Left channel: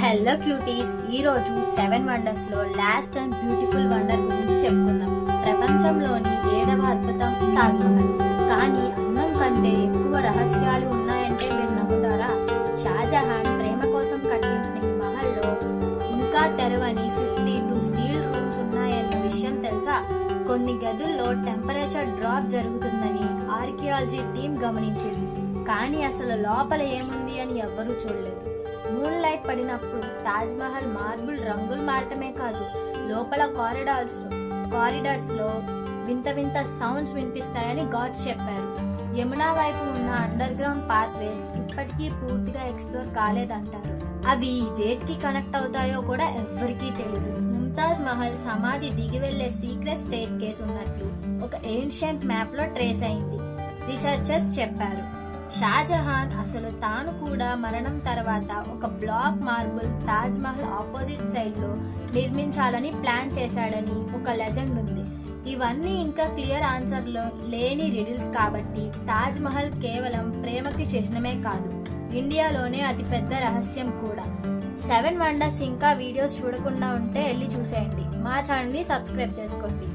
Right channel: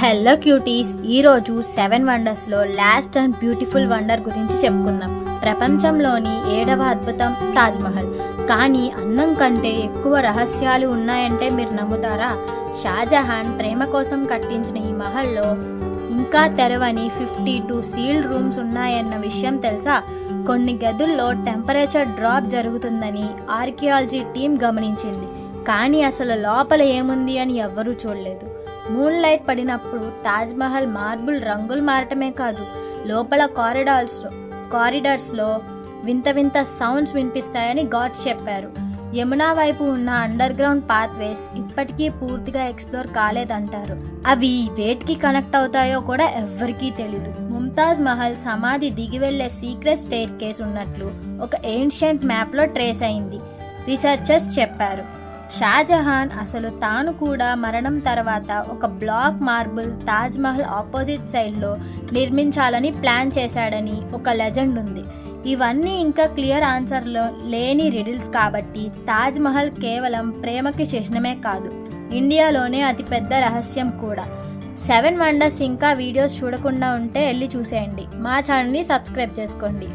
Hello cuties, ఈరోజు 7 వండర్స్లో last and beautiful wonder గురించి చెప్పుకుందాం. ప్రపంచంలోని 7వ అద్భుతం తాజ్మహల్. కానీ అందం కంటే ఎక్కువ రహస్యాలు ఉన్నాయంటే మీరు నమ్ముతారా? షాజహాన్ ప్రేమ కోసం కట్టించిన ఈ మహల్లో ఇంకా తెరవని 52 సీల్డ్ రూమ్స్ ఉన్నాయన్న విషయం తెలుసా? కొన్ని గదుల్లో టెంపరేచర్ డ్రాప్ జరుగుతుందని ఆర్కియాలజీ టీం గమనించింది. కానీ అసలు లోపల ఏముంది అని ఎవ్వరూ చూడలేదు. మూన్ లైట్ పడినప్పుడు తాజ్మహల్ మార్బుల్ రంగులు మారటమే కాదు, లోపల కారిడార్స్లో వింత వింత సౌండ్స్ వినిపిస్తాయని గాడ్స్ చెప్పారు. యమునా వైపు ఉన్న అండర్ గ్రౌండ్ పాత్వేస్ ఇప్పటికీ పూర్తిగా ఎక్స్ప్లోర్ కాలేదంటారు. అవి వేటికి కనెక్ట్ అవుతాయో కూడా ఎవ్వరికీ తెలీదు. ముంతాజ్ మహల్ సమాధి దిగి వెళ్లే సీక్రెట్ స్టెయిర్ కేస్ ఉన్నట్లు ఒక ఏన్షియంట్ మ్యాప్లో ట్రేస్ అయింది, రీసెర్చర్స్ చెప్పారు. షాజహాన్ అసలు తాను కూడా మరణం తర్వాత ఒక బ్లాక్ మార్బుల్ తాజ్మహల్ ఆపోజిట్ సైడ్లో నిర్మించాలని ప్లాన్ చేశాడని ఒక లెజెండ్ ఉంది. ఇవన్నీ ఇంకా క్లియర్ ఆన్సర్లో లేని రిడిల్స్ కాబట్టి తాజ్మహల్ కేవలం ప్రేమకి చిహ్నమే కాదు, ఇండియాలోనే అతిపెద్ద రహస్యం కూడా. 7 వండర్స్ ఇంకా వీడియోస్ చూడకుండా ఉంటే వెళ్ళి చూసేయండి. మా ఛానల్ని సబ్స్క్రైబ్ చేసుకోండి.